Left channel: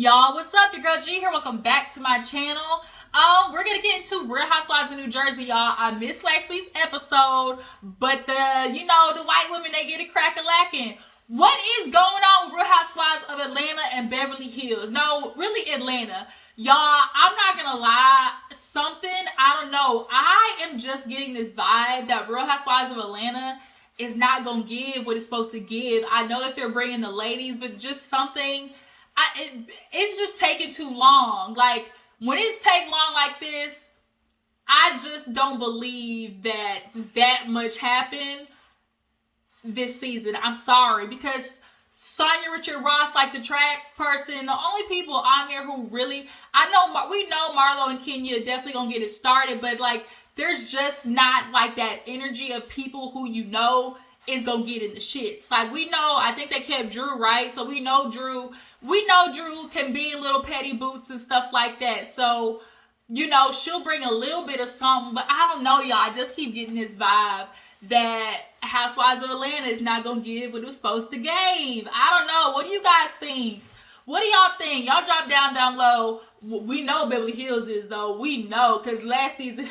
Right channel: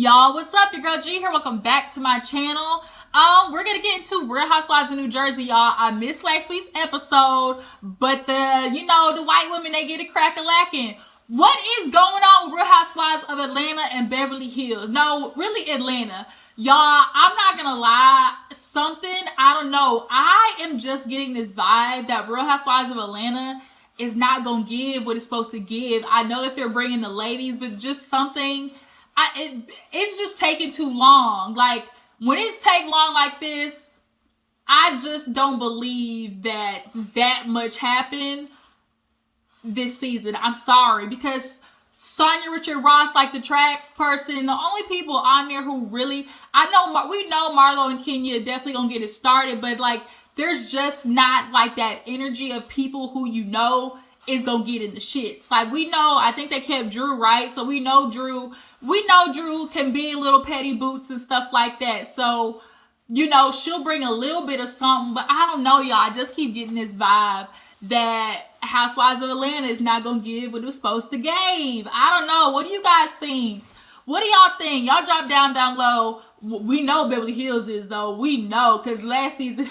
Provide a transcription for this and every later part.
Y'all, what's up? Your girl G here. Welcome back to my channel. We're gonna get into Real Housewives of New Jersey, y'all. I missed last week's episode, but the white women, they get it crack-a-lacking. What is going on with Real Housewives of Atlanta and Beverly Hills? No, really Atlanta. Y'all, I'm not gonna lie, I don't know. I am just getting this vibe that Real Housewives of Atlanta is not gonna give what it's supposed to give. I know that they're bringing the ladies, but just something it's just taking too long. Like, when it take long like this, I just don't believe that much happened this season. I'm sorry, because Sonya Richard Ross, like the track person, the only people on there who really, we know Marlo and Kenya definitely gonna get it started, but like, there's just not like that energy of people who is gonna get in the shits. Like, we know, I think they kept Drew, right? So we know Drew can be little petty boots and stuff like that. So, she'll bring a little bit of something, but I don't know, y'all. I just keep getting this vibe that Housewives of Atlanta is not gonna give what it was supposed to give. I don't know. What do you guys think? What do y'all think? Y'all drop down low. We know Beverly Hills is, though. We know, because last season,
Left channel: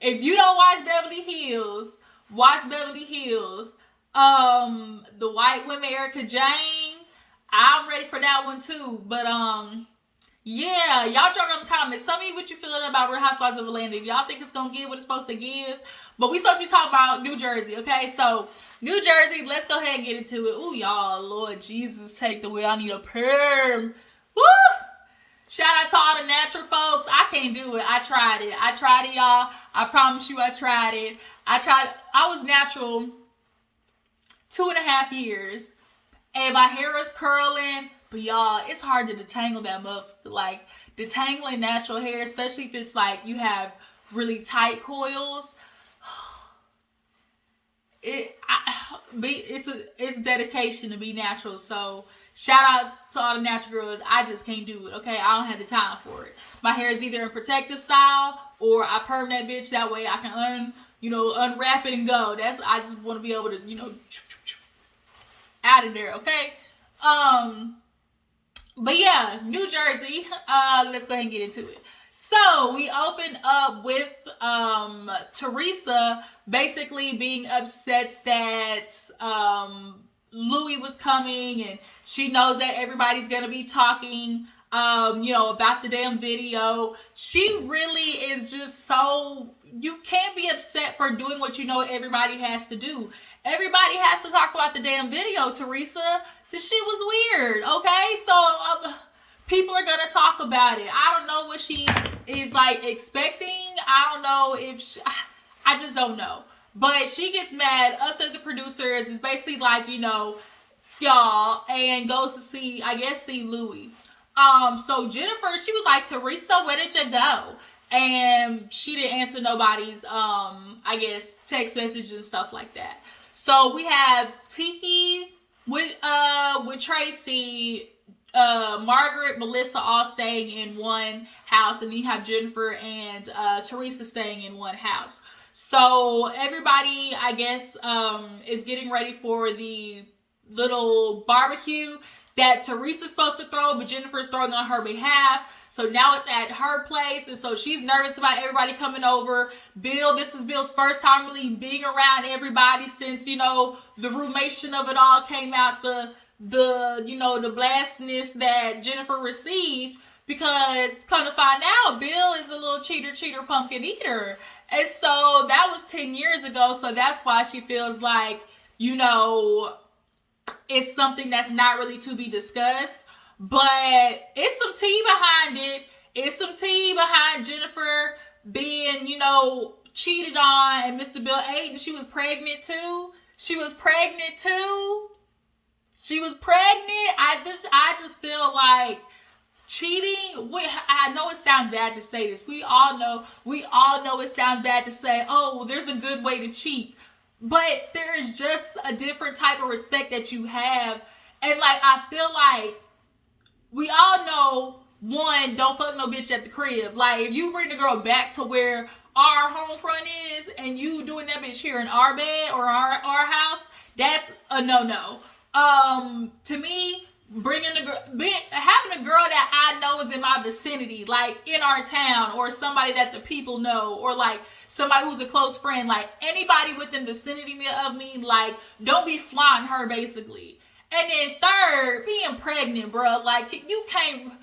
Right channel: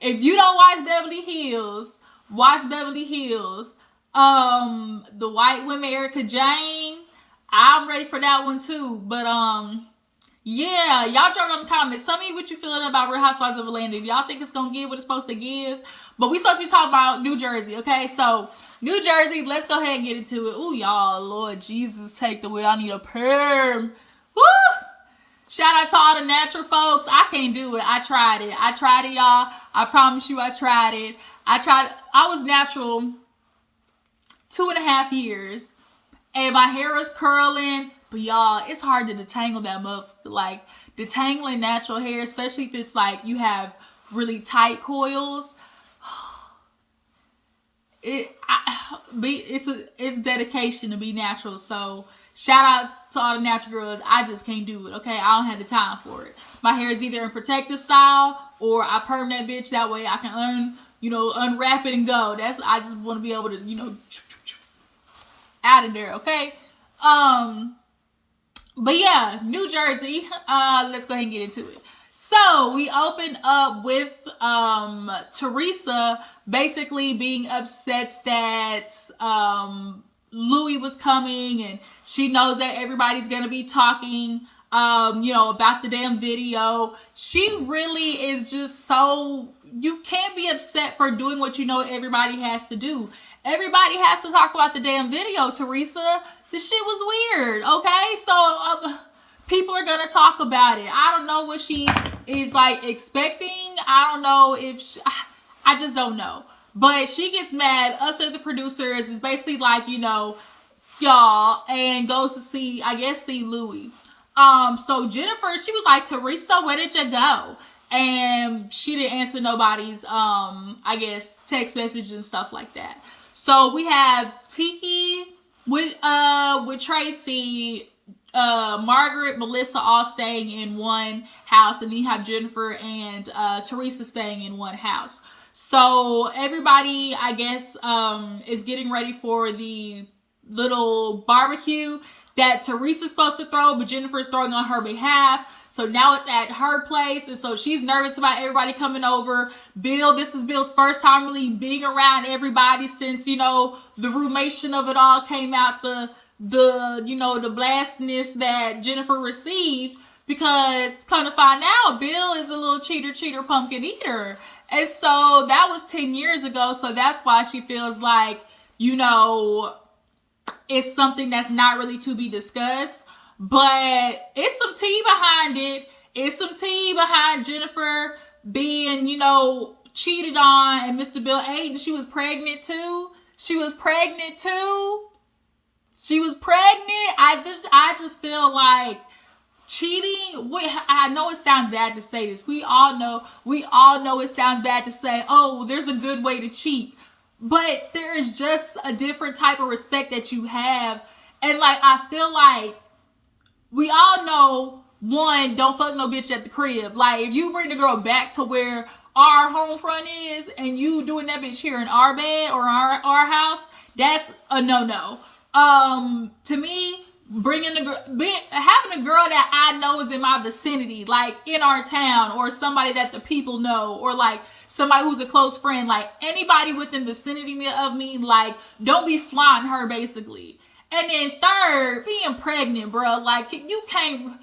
if you don't watch Beverly Hills, watch Beverly Hills. The white women, Erica Jane, I'm ready for that one too. But yeah, y'all drop down in the comments. Tell me what you feeling about Real Housewives of Atlanta. If y'all think it's gonna give what it's supposed to give. But we supposed to be talking about New Jersey, okay? So New Jersey, let's go ahead and get into it. Ooh, y'all, Lord Jesus, take the wheel. I need a perm. Woo! Shout out to all the natural folks. I can't do it. I tried it, y'all. I promise you, I tried it. I was natural 2.5 years. And my hair was curling. But y'all, it's hard to detangle that muff. Like, detangling natural hair, especially if it's like you have really tight coils. It's dedication to be natural. So shout out to all the natural girls. I just can't do it. Okay, I don't have the time for it. My hair is either in protective style or I perm that bitch. That way I can unwrap it and go. I just want to be able to out of there. Okay. But yeah, New Jersey. Let's go ahead and get into it. So we open up with Teresa basically being upset that Louis was coming, and she knows that everybody's gonna be talking about the damn video. She really is just so, you can't be upset for doing what everybody has to do. Everybody has to talk about the damn video, Teresa. This shit was weird, okay? So people are gonna talk about it. I don't know what she is like expecting. I don't know if I just don't know. But she gets mad, upset at the producers. It's basically like, y'all, and goes to see Louis. So Jennifer, she was like, Teresa, where did you go? And she didn't answer nobody's text message and stuff like that. So we have Tiki with Tracy, Margaret, Melissa all staying in one house, and then you have Jennifer and Teresa staying in one house. So everybody, is getting ready for the little barbecue that Teresa's supposed to throw, but Jennifer's throwing on her behalf. So now it's at her place, and so she's nervous about everybody coming over. This is Bill's first time really being around everybody since, the rumation of it all came out, the blastiness that Jennifer received, because come to find out, Bill is a little cheater, pumpkin eater. And so that was 10 years ago, so that's why she feels like, it's something that's not really to be discussed. But it's some tea behind it. It's some tea behind Jennifer being, cheated on, and Mr. Bill Aiden, she was pregnant too. I just feel like cheating. I know it sounds bad to say this. We all know it sounds bad to say, oh, there's a good way to cheat. But there is just a different type of respect that you have. And I feel like we all know, one, don't fuck no bitch at the crib. Like, if you bring the girl back to where our home front is, and you doing that bitch here in our bed or our house, that's a no-no. To me, having a girl that I know is in my vicinity, like in our town, or somebody that the people know, or like somebody who's a close friend, like anybody within the vicinity of me, like don't be flaunting her basically. And then third, being pregnant, bro. Like you can't.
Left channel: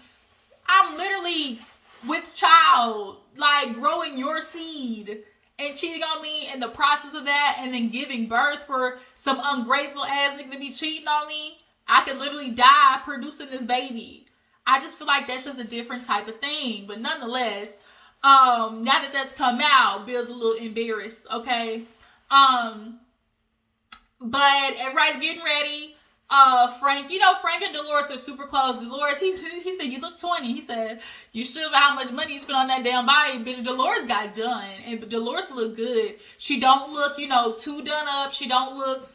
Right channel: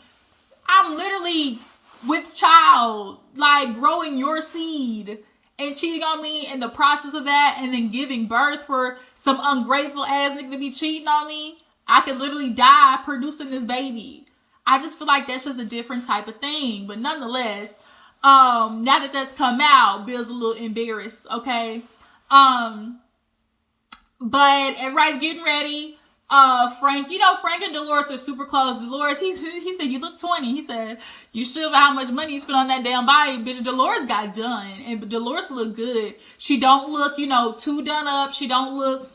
I'm literally with child, like growing your seed and cheating on me in the process of that, and then giving birth for some ungrateful ass nigga to be cheating on me. I could literally die producing this baby. I just feel like that's just a different type of thing. But nonetheless, now that that's come out, Bill's a little embarrassed, okay? But everybody's getting ready. Frank, Frank and Dolores are super close. Dolores, he said, you look 20. He said, you should have how much money you spent on that damn body. Bitch, Dolores got done. And Dolores look good. She don't look, too done up. She don't look,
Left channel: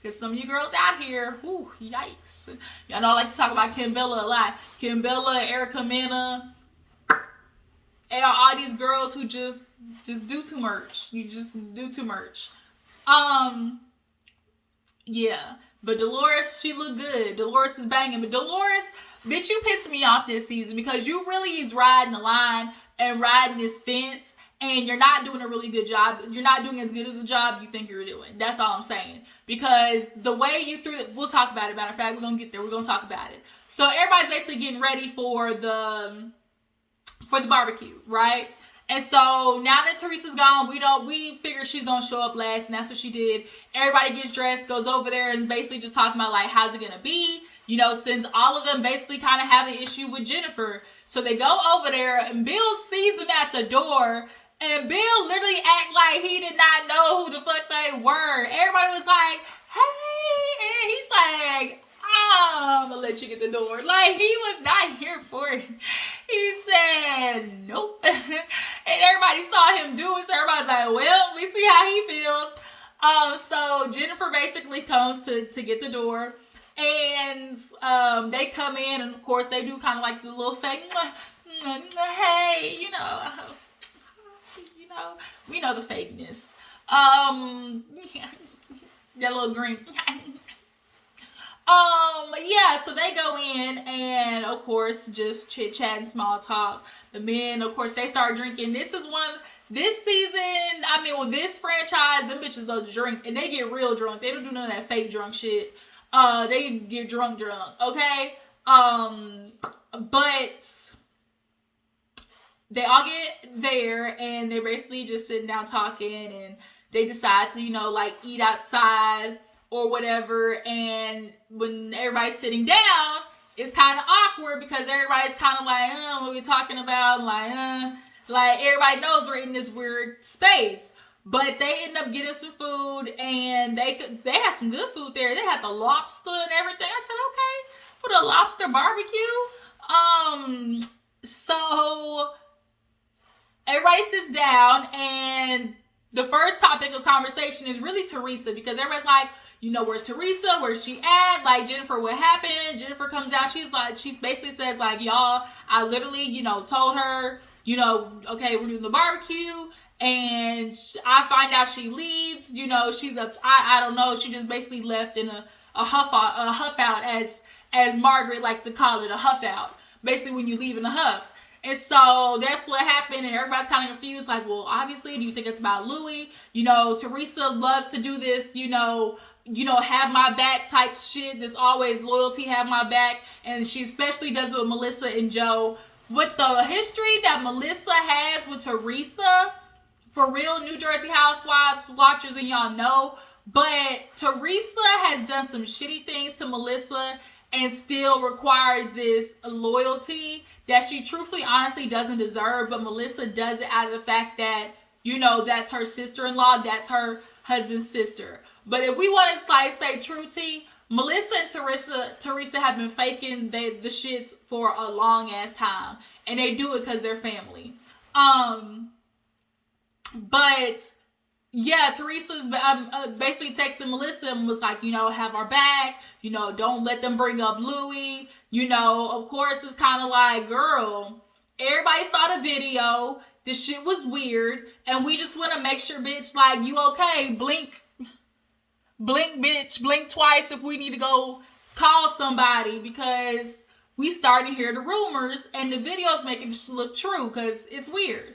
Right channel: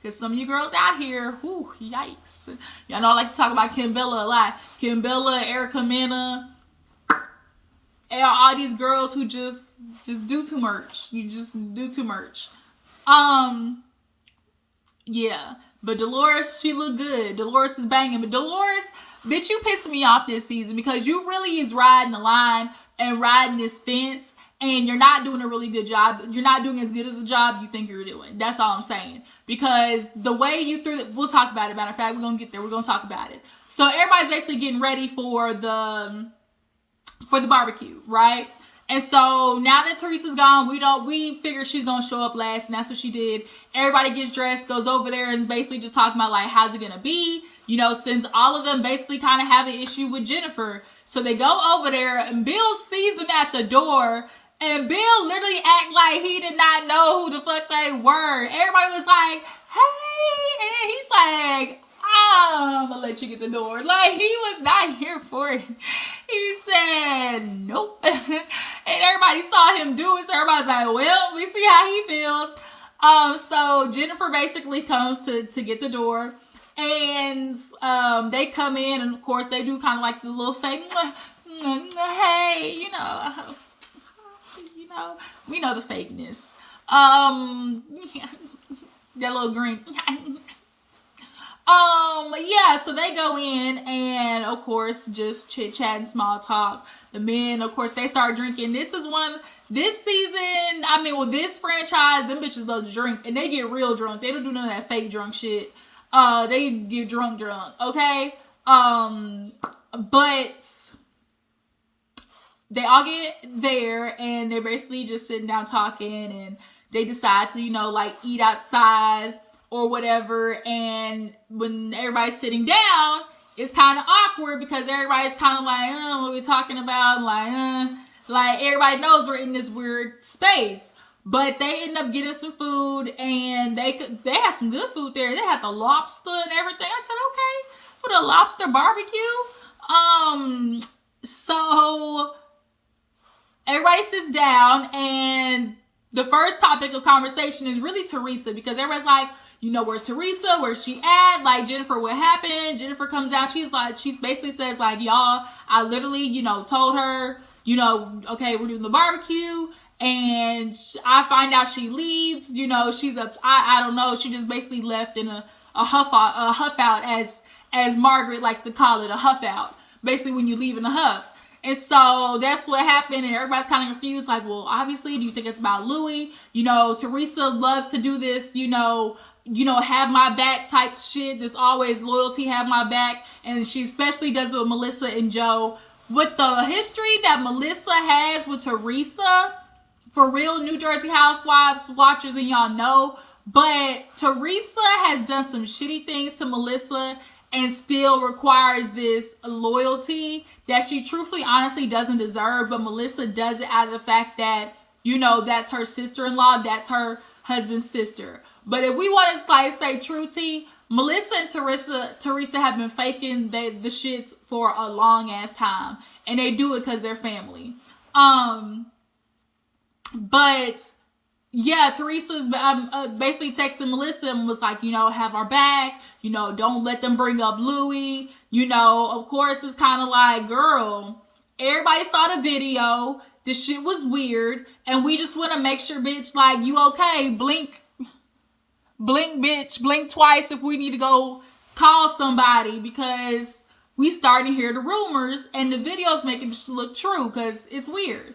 because some of you girls out here, whew, yikes. Y'all know I like to talk about Kim Bella a lot. Kim Bella, Erica Mena, and all these girls who just do too much. You just do too much. Yeah. But Dolores, she look good. Dolores is banging. But Dolores, bitch, you pissing me off this season because you really is riding the line and riding this fence, and you're not doing a really good job. You're not doing as good as a job you think you're doing. That's all I'm saying. Because the way you threw it, we'll talk about it. Matter of fact, we're going to get there. We're going to talk about it. So everybody's basically getting ready for the barbecue, right? And so now that Teresa's gone, we figure she's gonna show up last, and that's what she did. Everybody gets dressed, goes over there, and is basically just talking about like how's it gonna be, since all of them basically kind of have an issue with Jennifer. So they go over there, and Bill sees them at the door, and Bill literally act like he did not know who the fuck they were. Everybody was like, "Hey," and he's like, I'm gonna let you get the door. Like, he was not here for it. He said, nope. And everybody saw him do it, so everybody's like, well, we see how he feels. So Jennifer basically comes to get the door. And they come in, and of course, they do kind of like the little fake, hey, we know the fakeness. That little green. Yeah, so they go in, and of course, just chit chat and small talk. The men, of course, they start drinking. This season, this franchise, them bitches love to drink, and they get real drunk. They don't do none of that fake drunk shit. They get drunk, okay? But they all get there, and they're basically just sitting down talking, and they decide to, eat outside or whatever. And when everybody's sitting down, it's kind of awkward because everybody's kind of like, what are we talking about? Like everybody knows we're in this weird space. But they end up getting some food, and they had some good food there. They had the lobster and everything. I said, okay, for the lobster barbecue. So everybody sits down, and the first topic of conversation is really Teresa, because everybody's like, where's Teresa? Where's she at? Like, Jennifer, what happened? Jennifer comes out. She basically says, like, y'all, I literally, told her, okay, we're doing the barbecue. And I find out she leaves. She's I don't know. She just basically left in a huff out, as Margaret likes to call it, a huff out. Basically, when you leave in a huff. And so that's what happened, and everybody's kind of confused. Like, well, obviously, do you think it's about Louis? Teresa loves to do this, have my back type shit. This always loyalty, have my back. And she especially does it with Melissa and Joe. With the history that Melissa has with Teresa, for real New Jersey Housewives watchers, and y'all know, but Teresa has done some shitty things to Melissa and still requires this loyalty that she truthfully, honestly doesn't deserve. But Melissa does it out of the fact that, that's her sister-in-law, that's her husband's sister. But if we want to say true tea, Melissa and Teresa have been faking the shits for a long ass time, and they do it because they're family. But yeah, Teresa's basically texting Melissa and was like, have our back, don't let them bring up Louis. Of course, it's kind of like, girl, everybody saw the video. This shit was weird, and we just want to make sure, bitch, like, you okay? Blink, bitch, blink twice if we need to go call somebody because we starting to hear the rumors and the videos making it look true because it's weird.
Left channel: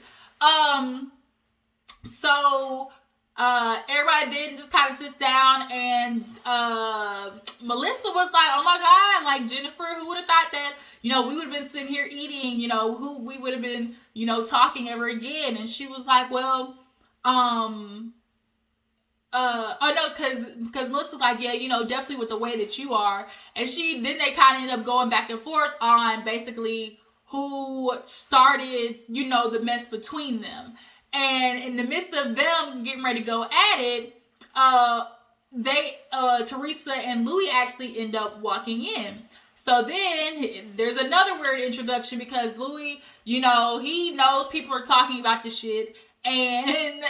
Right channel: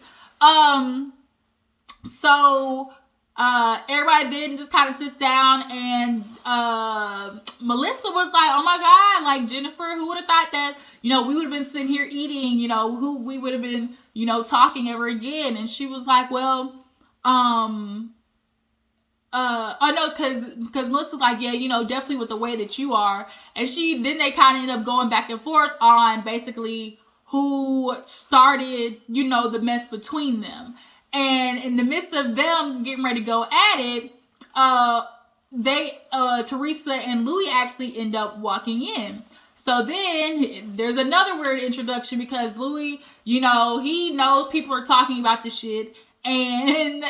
So everybody then just kind of sits down, and Melissa was like, oh my God, like, Jennifer, who would have thought that, we would have been sitting here eating, who we would have been, talking ever again. And she was like, well, oh no, because Melissa's like, yeah, definitely with the way that you are. And then they kind of end up going back and forth on basically who started, the mess between them. And in the midst of them getting ready to go at it, Teresa and Louis actually end up walking in. So then there's another weird introduction because Louis, he knows people are talking about this shit, and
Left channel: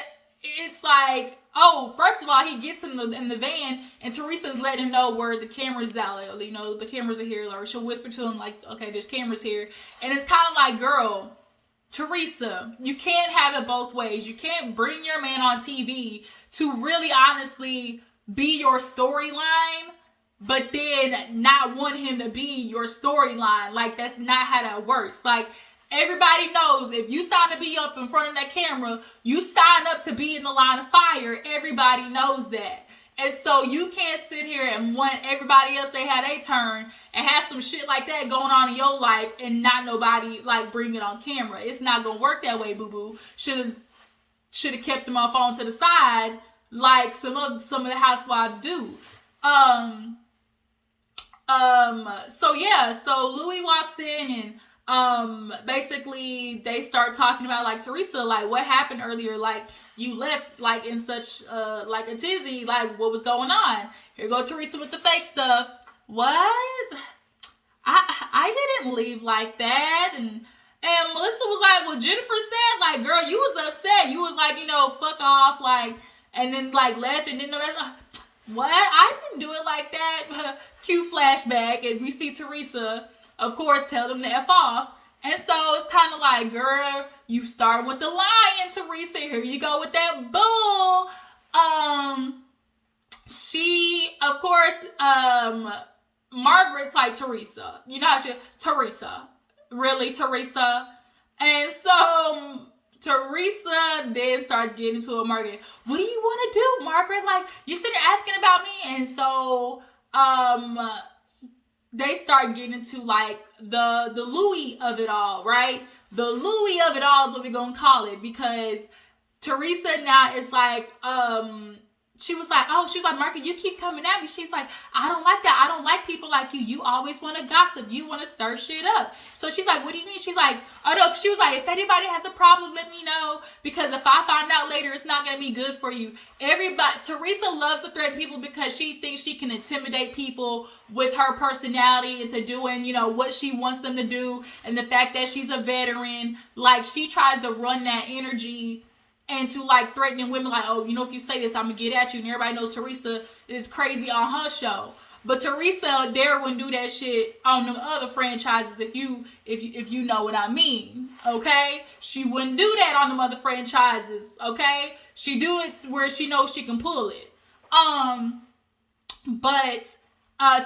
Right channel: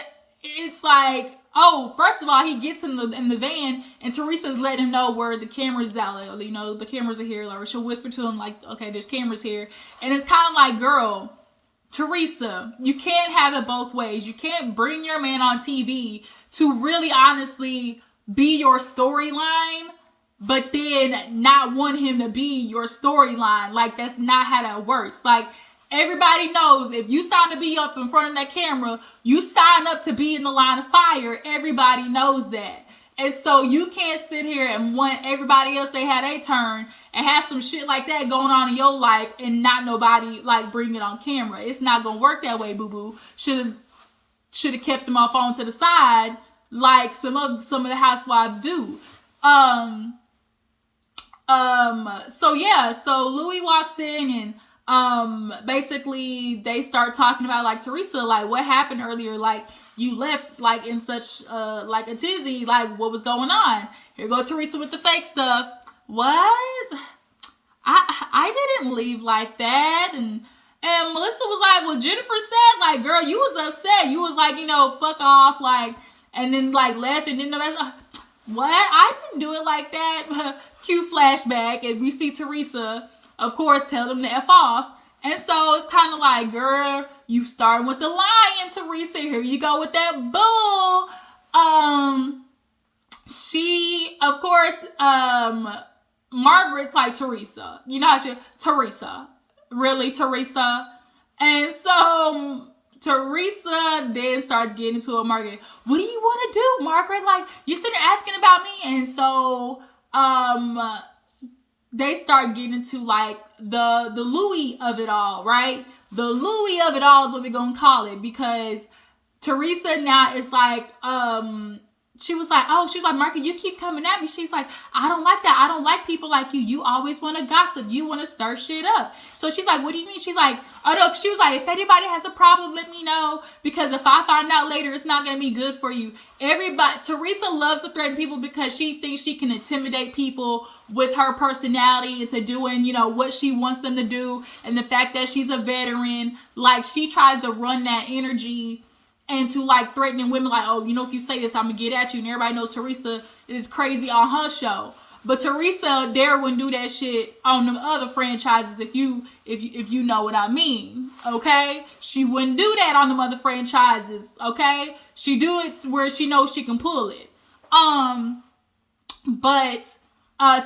it's like, oh, first of all, he gets in the van, and Teresa's letting him know where the camera's at. The cameras are here, or she'll whisper to him like, okay, there's cameras here, and it's kind of like, girl, Teresa, you can't have it both ways. You can't bring your man on TV to really honestly be your storyline, but then not want him to be your storyline. Like, that's not how that works. Like, everybody knows if you sign to be up in front of that camera, you sign up to be in the line of fire. Everybody knows that. And so you can't sit here and want everybody else, they had a turn, and have some shit like that going on in your life and not nobody like bring it on camera. It's not gonna work that way, boo boo. Should have kept them off on to the side like some of the housewives do. So Louis walks in, and basically they start talking about like, Teresa, like, what happened earlier? Like, you left like in such like a tizzy, like, what was going on? Here go Teresa with the fake stuff. What? I didn't leave like that. And Melissa was like, well, Jennifer said, like, girl, you was upset. You was like, fuck off, like, and then like left, and then the rest. What? I didn't do it like that. Cue flashback, and we see Teresa, of course, tell them to F off. And so it's kind of like, girl, you starting with the lion, Teresa. Here you go with that bull. She, of course, Margaret's like, Teresa. You know how Teresa. Really, Teresa? And so Teresa then starts getting into a Margaret. What do you want to do, Margaret? Like, you're sitting there asking about me. And so, they start getting into like the Louis of it all, right? The Louis of it all is what we're gonna call it, because Teresa now is like, she was like, oh, she's like, Margaret, you keep coming at me. She's like, I don't like that. I don't like people like you. You always want to gossip. You want to stir shit up. So she's like, what do you mean? She's like, oh no. She was like, if anybody has a problem, let me know, because if I find out later, it's not going to be good for you. Teresa loves to threaten people because she thinks she can intimidate people with her personality into doing, what she wants them to do. And the fact that she's a veteran, like, she tries to run that energy and to like threatening women, like, oh, if you say this, I'm gonna get at you. And everybody knows Teresa is crazy on her show. But Teresa dare wouldn't do that shit on them other franchises, if you know what I mean. Okay? She wouldn't do that on them other franchises. Okay? She do it where she knows she can pull it. But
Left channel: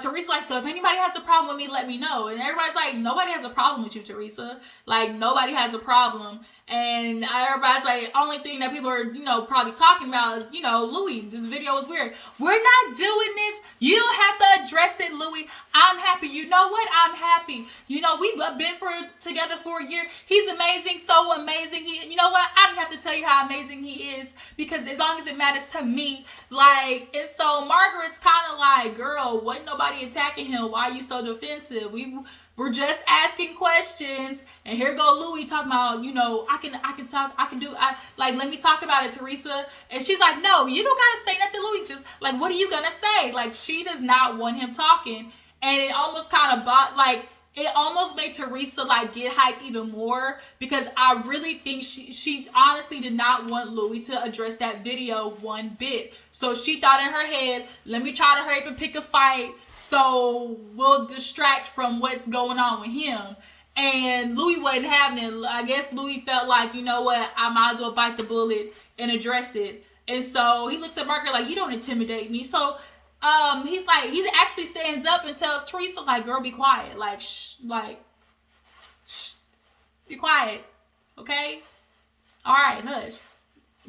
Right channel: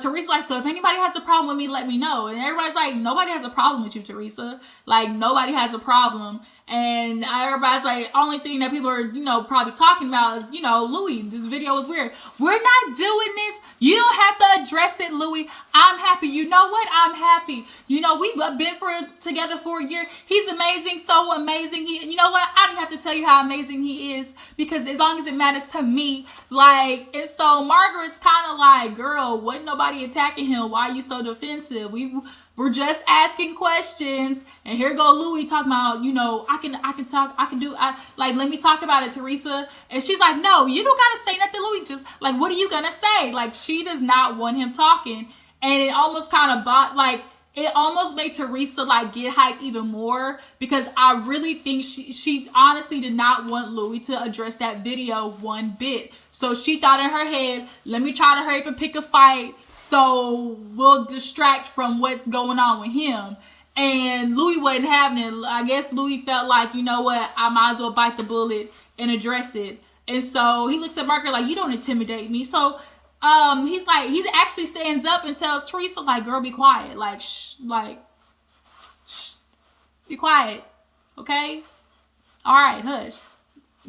Teresa like, so if anybody has a problem with me, let me know. And everybody's like, nobody has a problem with you, Teresa. Like, nobody has a problem. And everybody's like, only thing that people are, probably talking about is, Louis, this video is weird. We're not doing this. You don't have to address it, Louis. I'm happy. You know what? I'm happy. We've been together for a year. He's amazing. So amazing. You know what? I don't have to tell you how amazing he is, because as long as it matters to me, like, and so Margaret's kind of like, girl, wasn't nobody attacking him. Why are you so defensive? We're just asking questions. And here go Louis talking about, let me talk about it, Teresa. And she's like, no, you don't gotta say nothing, Louis. Just like, what are you gonna say? Like, she does not want him talking. And it almost kind of it almost made Teresa like get hyped even more, because I really think she honestly did not want Louis to address that video one bit. So she thought in her head, let me try to hurry up and pick a fight, so we'll distract from what's going on with him. And Louis wasn't having it. I guess Louis felt like, you know what, I might as well bite the bullet and address it. And so he looks at Margaret like, you don't intimidate me. So he's like, he actually stands up and tells Teresa, like, girl, be quiet. Like, shh, be quiet. Okay? All right, hush.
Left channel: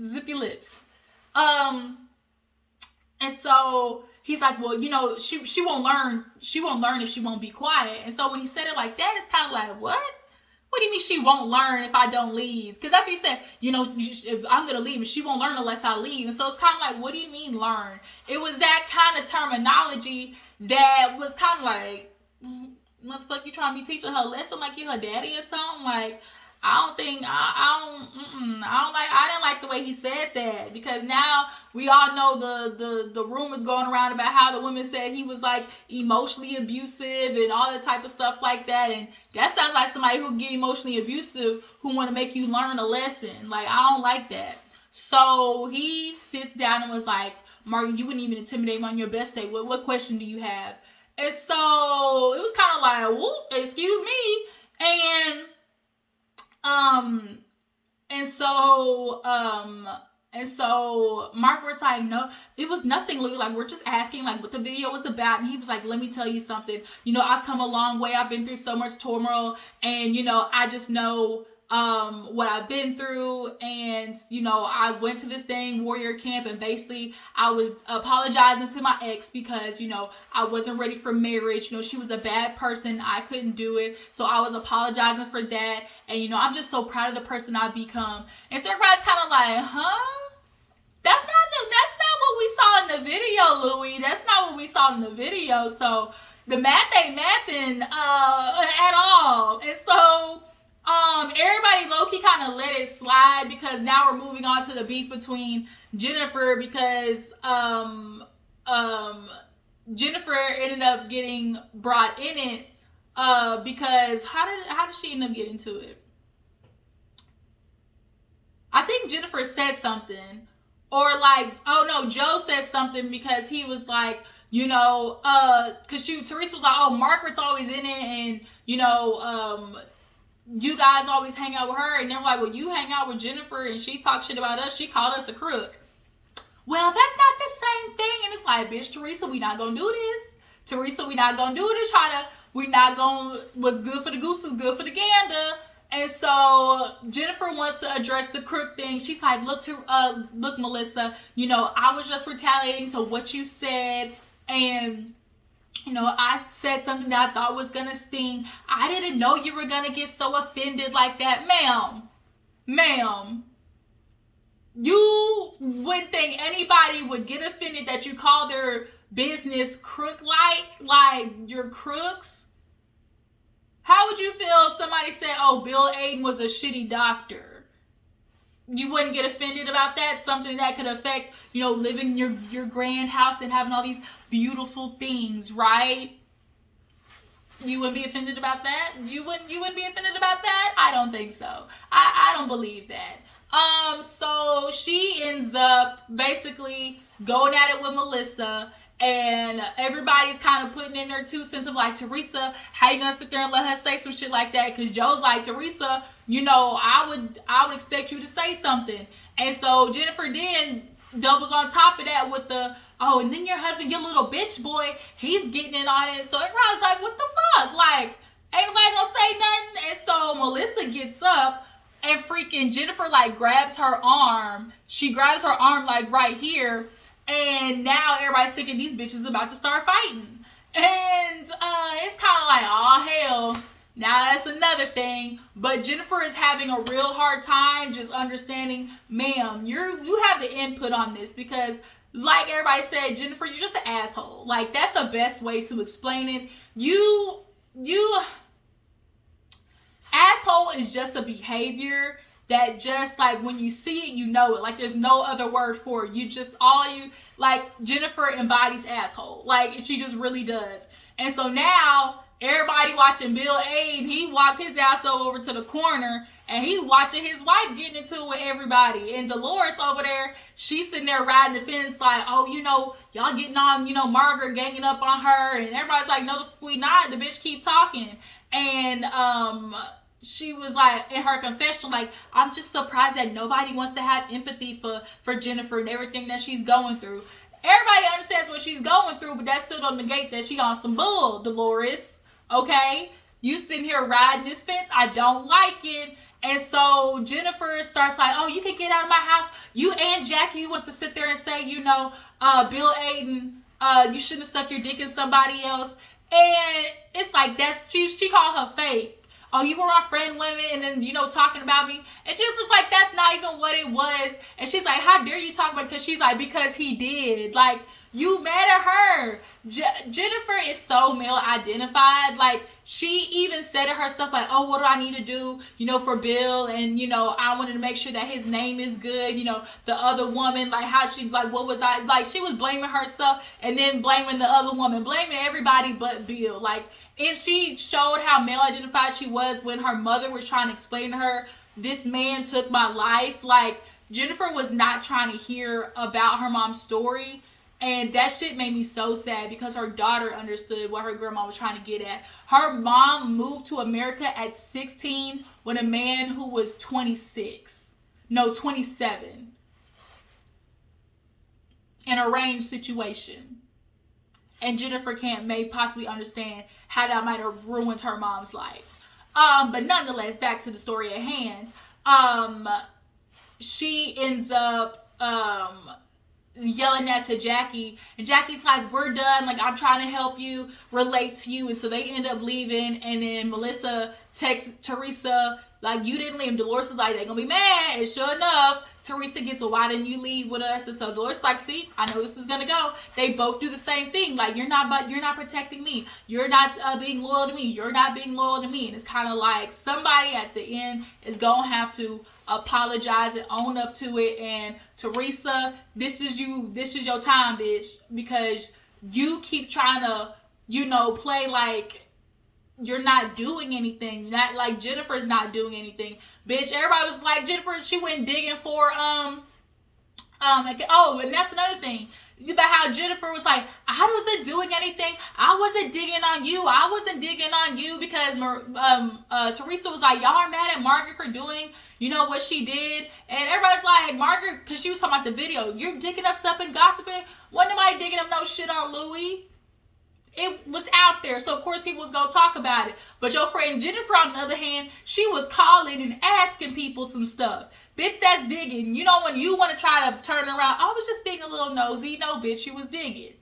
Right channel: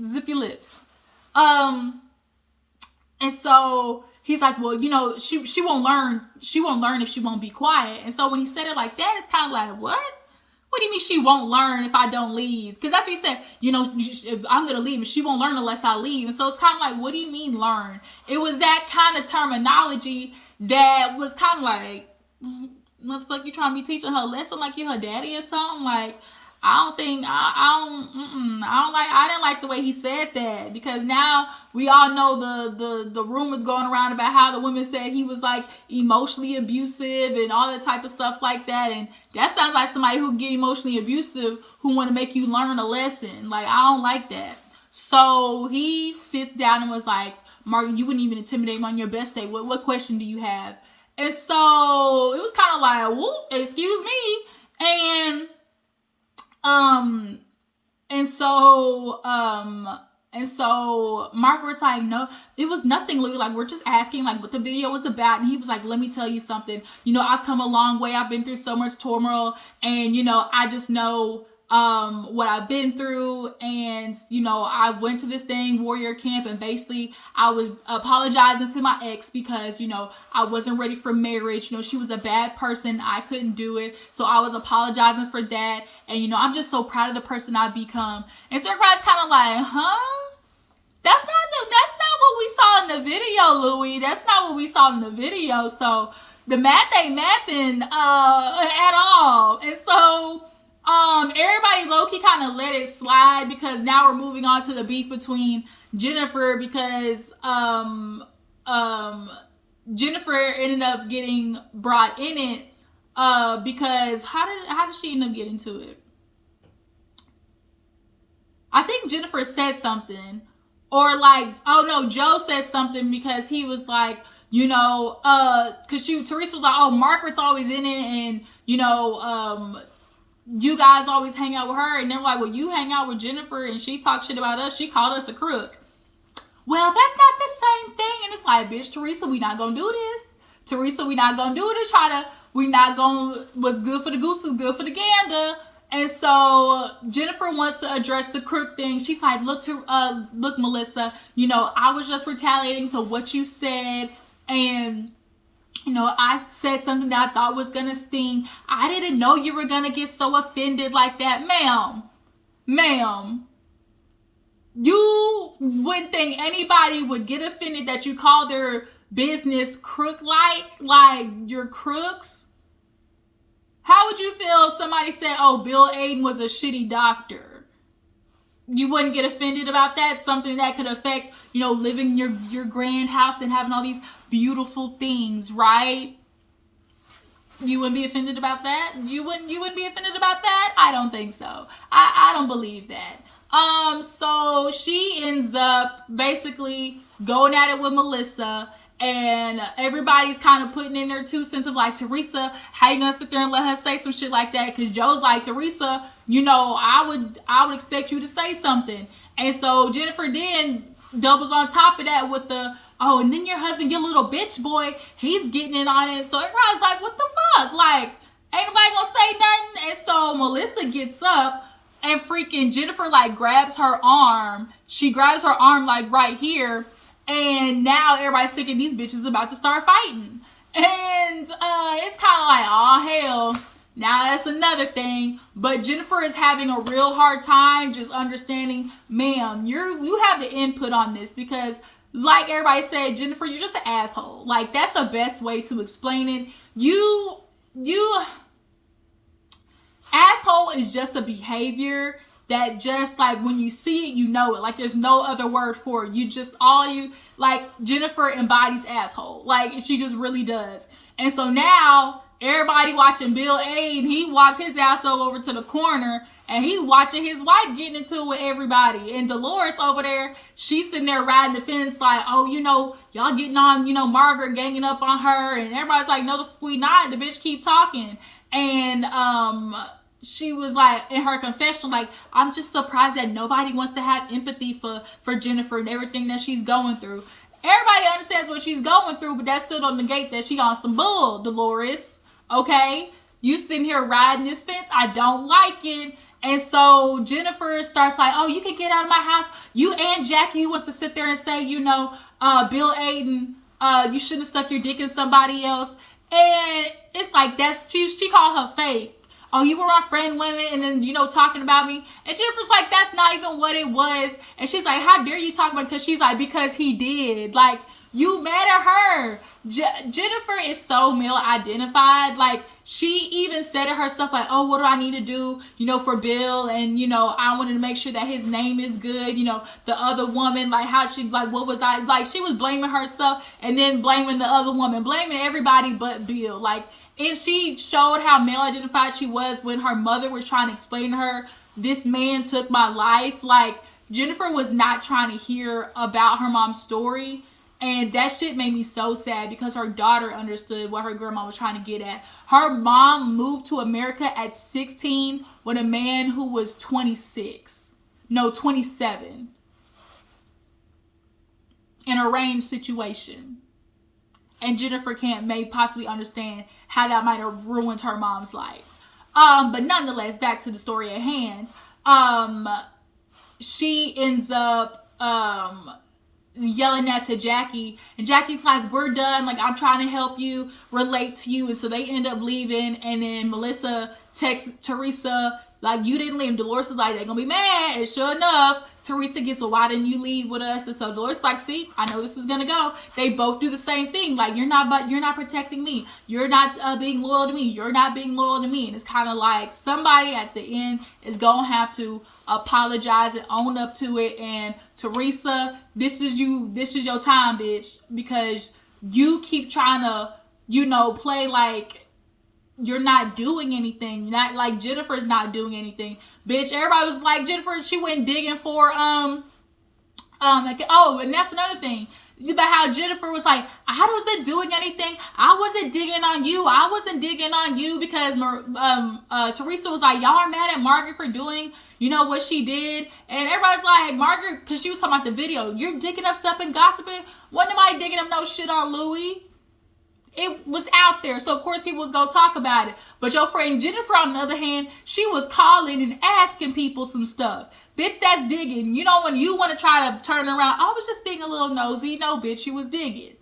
Zip your lips. And so he's like, well, you know, she won't learn. She won't learn if she won't be quiet. And so when he said it like that, it's kind of like, what? What do you mean she won't learn if I don't leave? Because that's what he said. You know, if I'm going to leave, she won't learn unless I leave. And so it's kind of like, what do you mean learn? It was that kind of terminology that was kind of like, motherfucker, you trying to be teaching her a lesson like you her daddy or something? Like, I didn't like the way he said that, because now we all know the rumors going around about how the women said he was like emotionally abusive and all that type of stuff like that. And that sounds like somebody who get emotionally abusive who want to make you learn a lesson. Like, I don't like that. So he sits down and was like, Martin, you wouldn't even intimidate me on your best day. What question do you have? And so it was kind of like, whoop, excuse me. And so Margaret's like, no, it was nothing, Lou. Like, we're just asking, like, what the video was about. And he was like, let me tell you something. You know, I've come a long way. I've been through so much turmoil. And, you know, I just know what I've been through. And, you know, I went to this thing, warrior camp, and basically I was apologizing to my ex because, you know, I wasn't ready for marriage. You know, she was a bad person. I couldn't do it. So I was apologizing for that. And, you know, I'm just so proud of the person I've become. And so everybody's kind of like, huh? That's not what we saw in the video, Louis. That's not what we saw in the video. So the math ain't mathing at all. And so everybody low-key kind of let it slide, because now we're moving on to the beef between Jennifer, because Jennifer ended up getting brought in it because how did she end up getting to it? I think Jennifer said something, or like, oh no, Joe said something, because he was like, you know, because Teresa was like, oh, Margaret's always in it, and you know, you guys always hang out with her. And they're like, well, you hang out with Jennifer and she talks shit about us. She called us a crook. Well, that's not the same thing. And it's like, bitch, Teresa, we not gonna do this. Teresa, we not gonna do this. We not gonna, what's good for the goose is good for the gander. And so Jennifer wants to address the crook thing. She's like, look, Melissa, you know, I was just retaliating to what you said. And you know, I said something that I thought was going to sting. I didn't know you were going to get so offended like that. Ma'am, you wouldn't think anybody would get offended that you call their business crook-like you're crooks. How would you feel if somebody said, oh, Bill Aiden was a shitty doctor? You wouldn't get offended about that? Something that could affect, you know, living your grand house and having all these beautiful things, right? You wouldn't be offended about that? You wouldn't be offended about that? I don't think so. I don't believe that. So she ends up basically going at it with Melissa, and everybody's kind of putting in their 2 cents of like, Teresa, how you gonna sit there and let her say some shit like that? Because Joe's like, Teresa, you know, I would expect you to say something. And so Jennifer then doubles on top of that with the, oh, and then your husband, your little bitch boy, he's getting in on it. So everybody's like, what the fuck? Like, ain't nobody gonna say nothing? And so Melissa gets up, and freaking Jennifer like grabs her arm. She grabs her arm like right here. And now everybody's thinking these bitches about to start fighting. And it's kind of like, oh, hell. Now that's another thing. But Jennifer is having a real hard time just understanding, ma'am, you have the input on this, because like everybody said, Jennifer, you're just an asshole. Like, that's the best way to explain it. You asshole is just a behavior that just like when you see it, you know it. Like, there's no other word for it. Like, Jennifer embodies asshole. Like, she just really does. And so now everybody watching Bill Aiden, he walked his ass over to the corner, and he watching his wife getting into it with everybody. And Dolores over there, she's sitting there riding the fence like, oh, you know, y'all getting on, you know, Margaret ganging up on her. And everybody's like, no, we not. The bitch keep talking. And she was like, in her confession, like, I'm just surprised that nobody wants to have empathy for Jennifer and everything that she's going through. everybody understands what she's going through, but that still don't negate that she on some bull, Dolores. Okay? You sitting here riding this fence. I don't like it. And so Jennifer starts like, oh, you can get out of my house. You and Jackie wants to sit there and say, Bill Aiden, you shouldn't have stuck your dick in somebody else. And it's like, she called her fake. Oh, you were my friend, women, and then, talking about me. And Jennifer's like, that's not even what it was. And she's like, how dare you talk about it? Because she's like, because he did. Like, you mad at her. Jennifer is so male identified. Like, she even said to herself, like, oh, what do I need to do, for Bill? And, I wanted to make sure that his name is good. The other woman, like, how she, like, what was I, like, she was blaming herself and then blaming the other woman, blaming everybody but Bill. Like, and she showed how male identified she was when her mother was trying to explain to her, this man took my life. Like, Jennifer was not trying to hear about her mom's story. And that shit made me so sad because her daughter understood what her grandma was trying to get at. Her mom moved to America at 16 with a man who was 27. In an arranged situation. And Jennifer may possibly understand how that might have ruined her mom's life. But nonetheless, back to the story at hand. She ends up yelling that to Jackie, and Jackie's like, we're done, like, I'm trying to help you, relate to you. And so they end up leaving, and then Melissa texts Teresa, like, you didn't leave. Dolores is like, they're gonna be mad. And sure enough, Teresa gets, well, why didn't you leave with us? And so Dolores is like, see, I know this is gonna go. They both do the same thing, like, you're not protecting me, you're not being loyal to me, you're not being loyal to me. And it's kind of like somebody at the end is gonna have to apologize and own up to it. And Teresa, this is your time, bitch, because you keep trying to play like you're not doing anything, not like Jennifer's not doing anything, bitch. Everybody was like, Jennifer, she went digging for and that's another thing about how Jennifer was like, I wasn't doing anything, I wasn't digging on you because Teresa was like, y'all are mad at Margaret for doing what she did. And everybody's like, Margaret, because she was talking about the video, you're digging up stuff and gossiping. Wasn't nobody digging up no shit on Louis. It was out there, so of course people was gonna talk about it. But your friend Jennifer, on the other hand, she was calling and asking people some stuff. Bitch, that's digging. When you want to try to turn around, I was just being a little nosy. No, bitch, you was digging.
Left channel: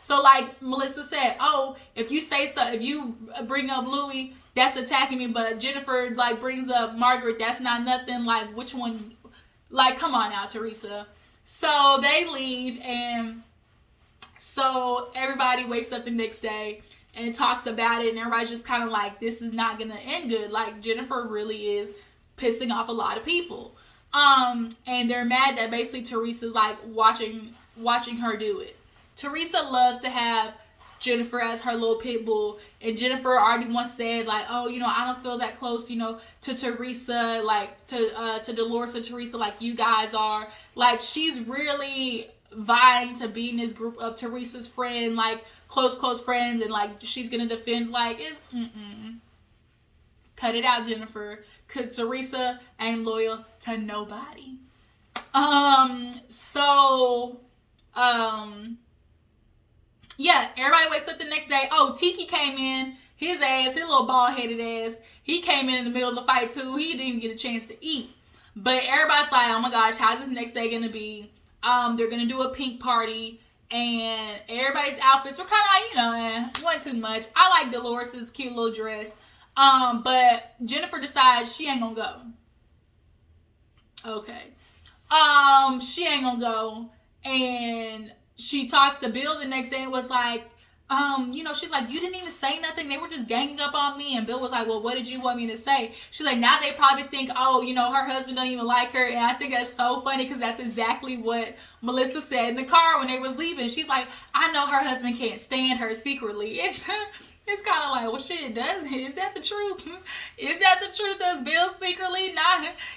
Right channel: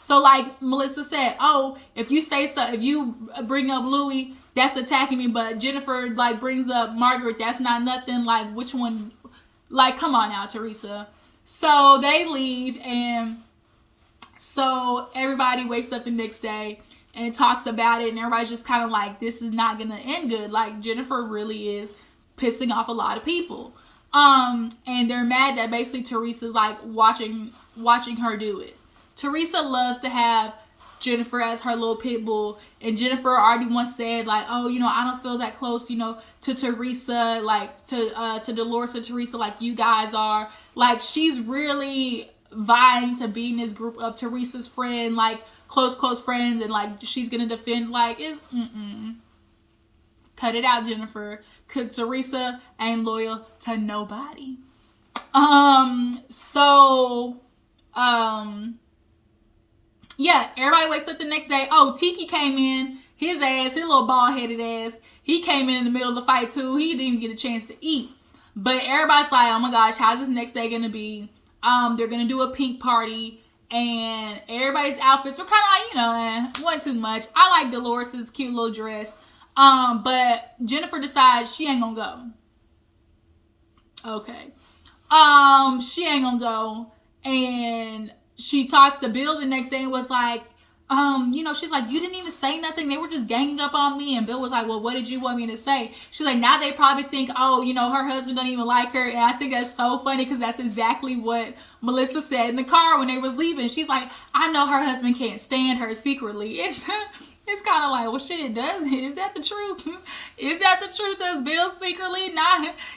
So like Melissa said, oh, if you say so, if you bring up Louis, that's attacking me. But Jennifer like brings up Margaret, that's not nothing. Like, which one? Like, come on now, Teresa. So they leave, and so everybody wakes up the next day and talks about it, and everybody's just kind of like, this is not gonna end good. Like, Jennifer really is pissing off a lot of people. And they're mad that basically Teresa's like watching her do it. Teresa loves to have Jennifer as her little pit bull, and Jennifer already once said like, oh, I don't feel that close, to Teresa, like to Dolores and Teresa like you guys are. Like, she's really vying to be in this group of Teresa's friend, like close friends, and like she's gonna defend, like, cut it out, Jennifer, because Teresa ain't loyal to nobody. Yeah, everybody wakes up the next day. Oh, Tiki came in, his little bald-headed ass, he came in the middle of the fight too. He didn't even get a chance to eat. But everybody's like, oh my gosh, how's this next day gonna be? They're gonna do a pink party, and everybody's outfits were kind of like, wasn't too much. I like Dolores's cute little dress. But Jennifer decides she ain't gonna go. Okay. She ain't gonna go, and she talks to Bill the next day and was like, she's like, you didn't even say nothing. They were just ganging up on me. And Bill was like, well, what did you want me to say? She's like, now they probably think, oh, her husband don't even like her. And I think that's so funny because that's exactly what Melissa said in the car when they was leaving. She's like, I know her husband can't stand her secretly. It's kind of like, well, shit, is that the truth? Is that the truth? Does Bill secretly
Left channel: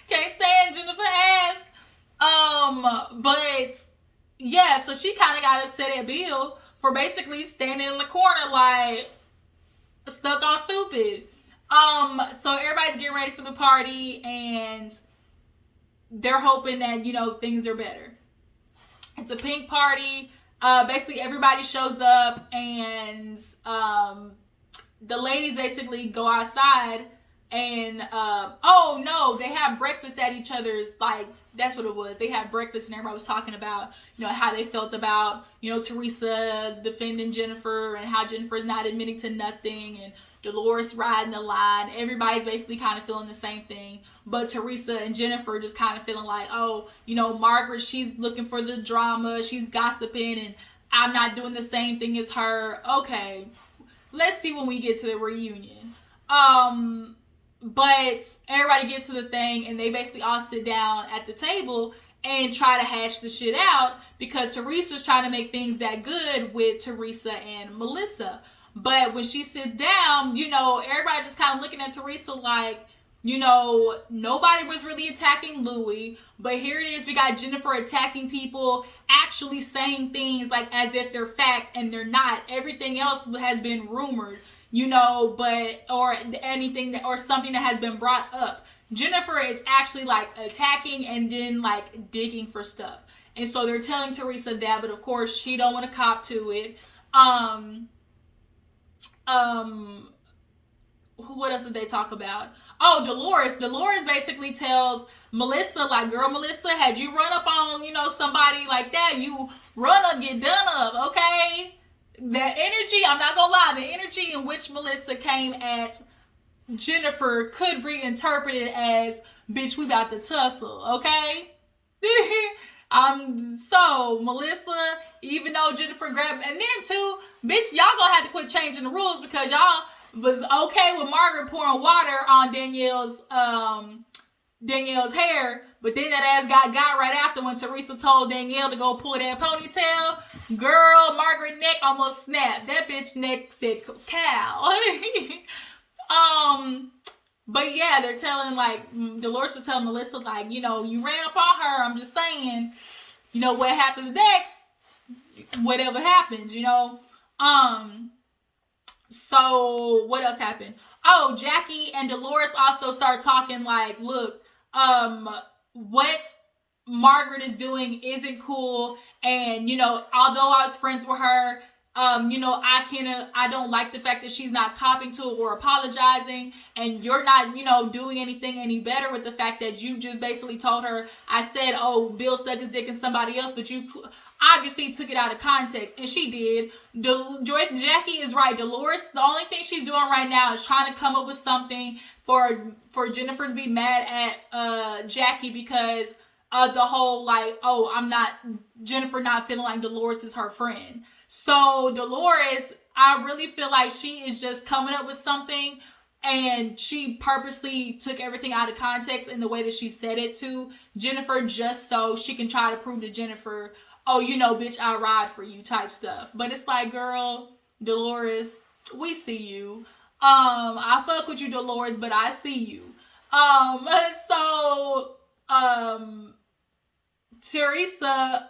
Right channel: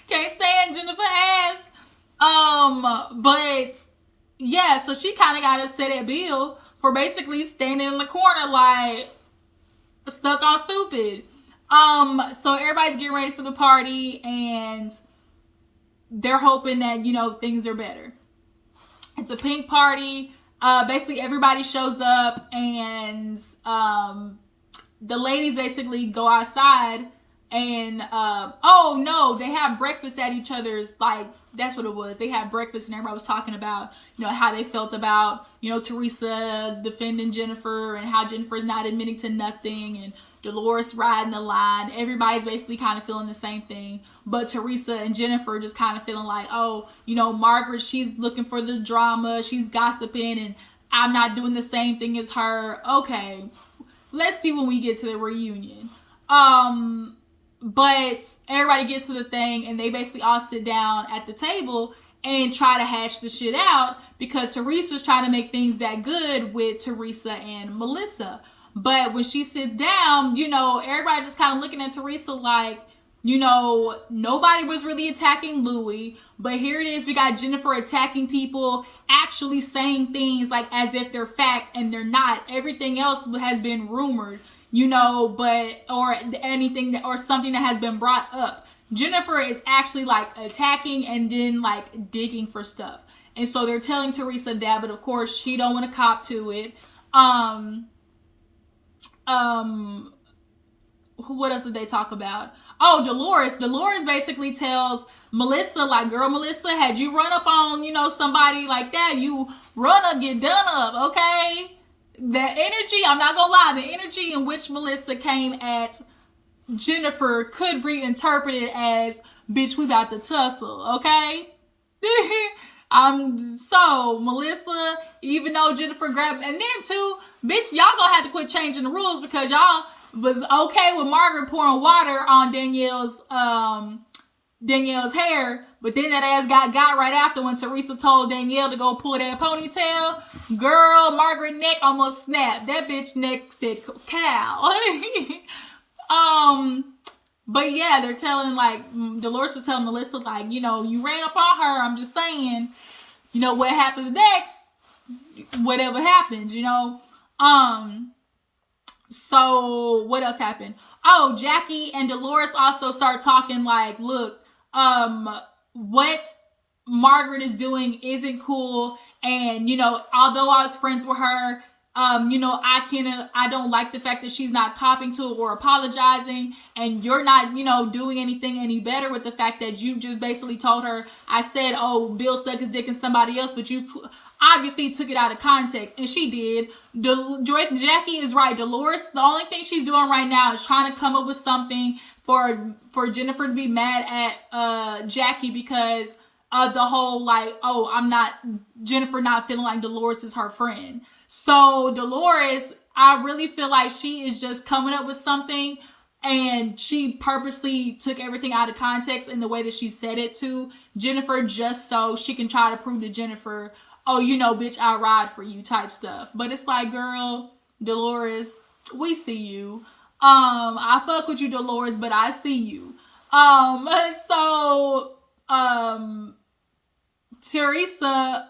can't stand Jennifer ass? But yeah, so she kind of got upset at Bill for basically standing in the corner like stuck on stupid. So everybody's getting ready for the party, and they're hoping that things are better. It's a pink party. Basically everybody shows up, and the ladies basically go outside, and oh no, they have breakfast at each other's, like, that's what it was. They had breakfast, and everybody was talking about, how they felt about, Teresa defending Jennifer, and how Jennifer's not admitting to nothing, and Dolores riding the line. Everybody's basically kind of feeling the same thing, but Teresa and Jennifer just kind of feeling like, oh, Margaret, she's looking for the drama, she's gossiping, and I'm not doing the same thing as her. Okay, let's see when we get to the reunion. But everybody gets to the thing, and they basically all sit down at the table and try to hash the shit out, because Teresa's trying to make things that good with Teresa and Melissa. But when she sits down, everybody just kind of looking at Teresa like, nobody was really attacking Louis, but here it is, we got Jennifer attacking people, actually saying things like as if they're fact, and they're not. Everything else has been rumored, or anything or something that has been brought up. Jennifer is actually like attacking and then like digging for stuff. And so they're telling Teresa that, but of course she don't want to cop to it. What else did they talk about? Oh, Dolores. Dolores basically tells Melissa, like, girl, Melissa, had you run up on, somebody like that, you run up, get done up, okay? The energy, I'm not gonna lie, the energy in which Melissa came at Jennifer could be interpreted as, bitch, we got the tussle, okay? So Melissa, even though Jennifer grabbed, and then too, bitch, y'all gonna have to quit changing the rules, because y'all was okay with Margaret pouring water on Danielle's hair, but then that ass got right after when Teresa told Danielle to go pull that ponytail. Girl, Margaret neck almost snapped. That bitch neck said cow. But yeah, they're telling, like, Dolores was telling Melissa, like, you ran up on her. I'm just saying, what happens next, whatever happens, So what else happened? Oh, Jackie and Dolores also start talking like, look, what Margaret is doing isn't cool. And, although I was friends with her, I don't like the fact that she's not copping to it or apologizing, and you're not, doing anything any better with the fact that you just basically told her, I said, oh, Bill stuck his dick in somebody else, but you obviously took it out of context, and she did. Jackie is right. Dolores, the only thing she's doing right now is trying to come up with something for Jennifer to be mad at Jackie, because of the whole, like, oh, Jennifer not feeling like Dolores is her friend. So Dolores, I really feel like she is just coming up with something, and she purposely took everything out of context in the way that she said it to Jennifer, just so she can try to prove to Jennifer, oh, bitch, I ride for you type stuff. But it's like, girl, Dolores, we see you. I fuck with you, Dolores, but I see you. Teresa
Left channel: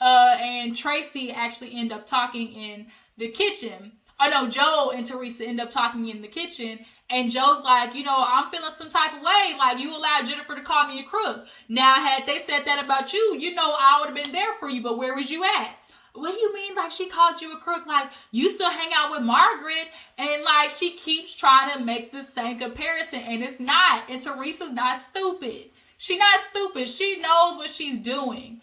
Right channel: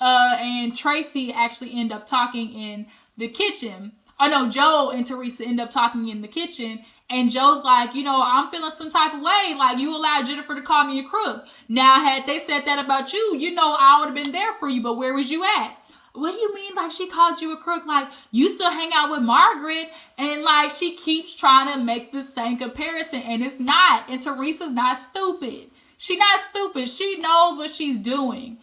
and Tracy actually end up talking in the kitchen. Oh no, Joe and Teresa end up talking in the kitchen, and Joe's like, I'm feeling some type of way. Like, you allowed Jennifer to call me a crook. Now, had they said that about you, I would have been there for you, but where was you at? What do you mean, like, she called you a crook? Like, you still hang out with Margaret, and, like, she keeps trying to make the same comparison, and it's not. And Teresa's not stupid. She's not stupid. She knows what she's doing.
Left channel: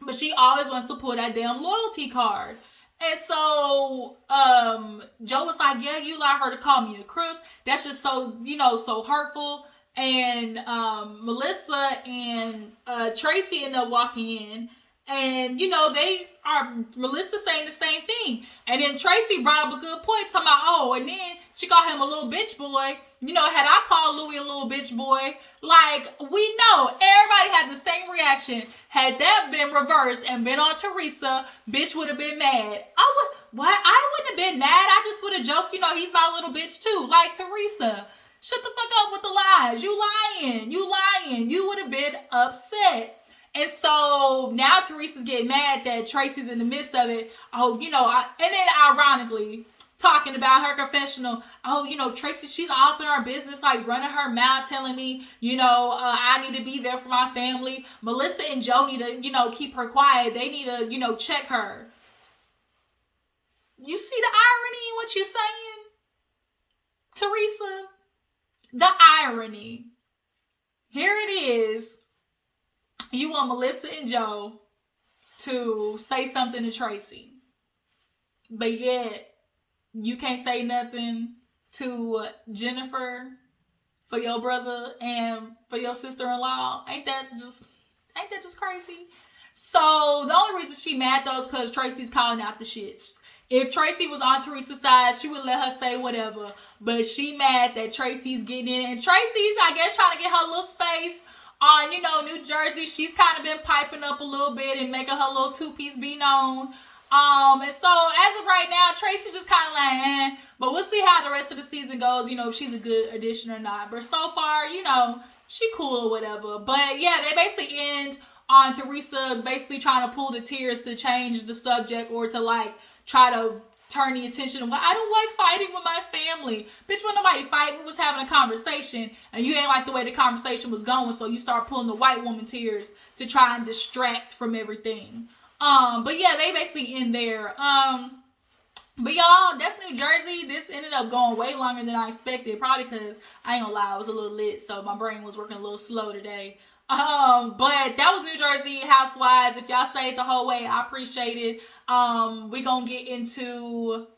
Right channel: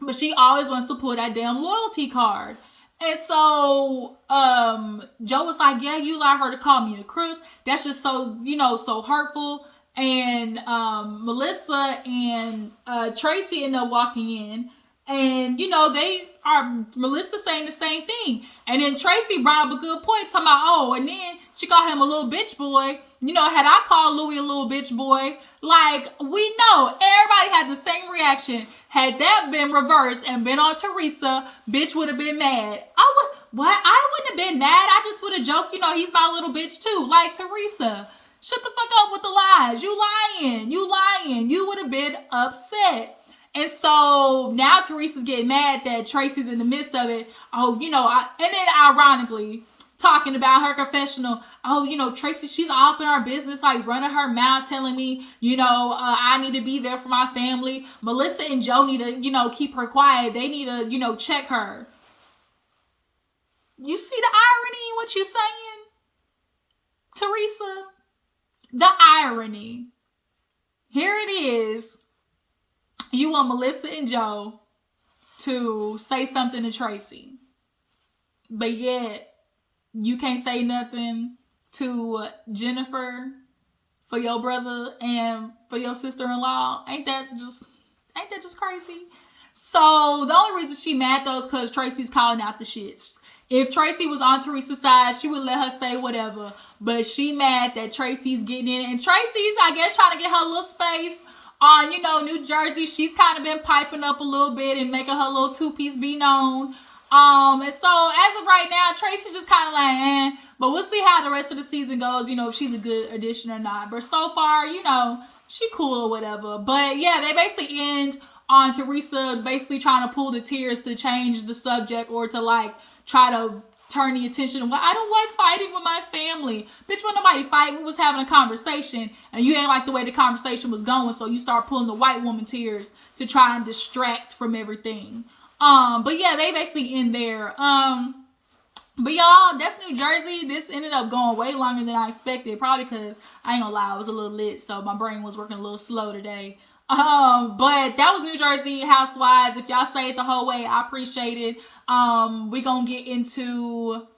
But she always wants to pull that damn loyalty card. And so, Joe was like, yeah, you allowed her to call me a crook. That's just so, so hurtful. And, Melissa and, Tracy end up walking in, and, they are, Melissa saying the same thing. And then Tracy brought up a good point, talking about, and then she called him a little bitch boy. Had I called Louis a little bitch boy, like, we know everybody had the same reaction. Had that been reversed and been on Teresa, bitch would have been mad. I wouldn't have been mad. I just would have joked, he's my little bitch too. Like, Teresa, shut the fuck up with the lies. You lying. You would have been upset. And so now Teresa's getting mad that Tracy's in the midst of it. And then ironically, talking about her confessional. Oh, Tracy, she's all up in our business, like running her mouth, telling me, I need to be there for my family. Melissa and Joe need to, keep her quiet. They need to, check her. You see the irony in what you're saying, Teresa? The irony. Here it is. You want Melissa and Joe to say something to Tracy, but yet you can't say nothing to Jennifer for your brother and for your sister-in-law. Ain't that just crazy? So the only reason she mad though is because Tracy's calling out the shits. If Tracy was on Teresa's side, she would let her say whatever. But she mad that Tracy's getting in. And Tracy's, I guess, trying to get her little space on, New Jersey. She's kind of been piping up a little bit and making her little two-piece be known. And so as of right now, Tracy's just kind of like, But we'll see how the rest of the season goes, if she's a good addition or not. But so far, she cool or whatever. But yeah, they basically end on Teresa basically trying to pull the tears to change the subject or to like try to turn the attention. Well, I don't like fighting with my family. Bitch, when nobody fight, we was having a conversation and you ain't like the way the conversation was going, so you start pulling the white woman tears to try and distract from everything. But yeah, they basically end there. But y'all, that's New Jersey. This ended up going way longer than I expected. Probably because, I ain't gonna lie, I was a little lit, so my brain was working a little slow today. But that was New Jersey Housewives. If y'all stayed the whole way, I appreciate it. We're gonna get into,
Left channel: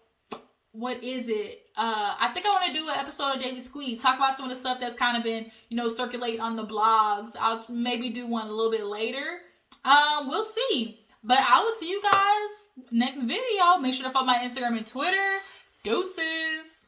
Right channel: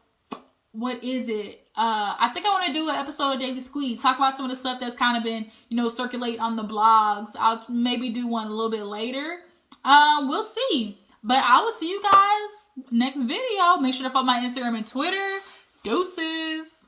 what is it? I think I want to do an episode of Daily Squeeze. Talk about some of the stuff that's kind of been, circulating on the blogs. I'll maybe do one a little bit later. We'll see. But I will see you guys next video. Make sure to follow my Instagram and Twitter. Deuces.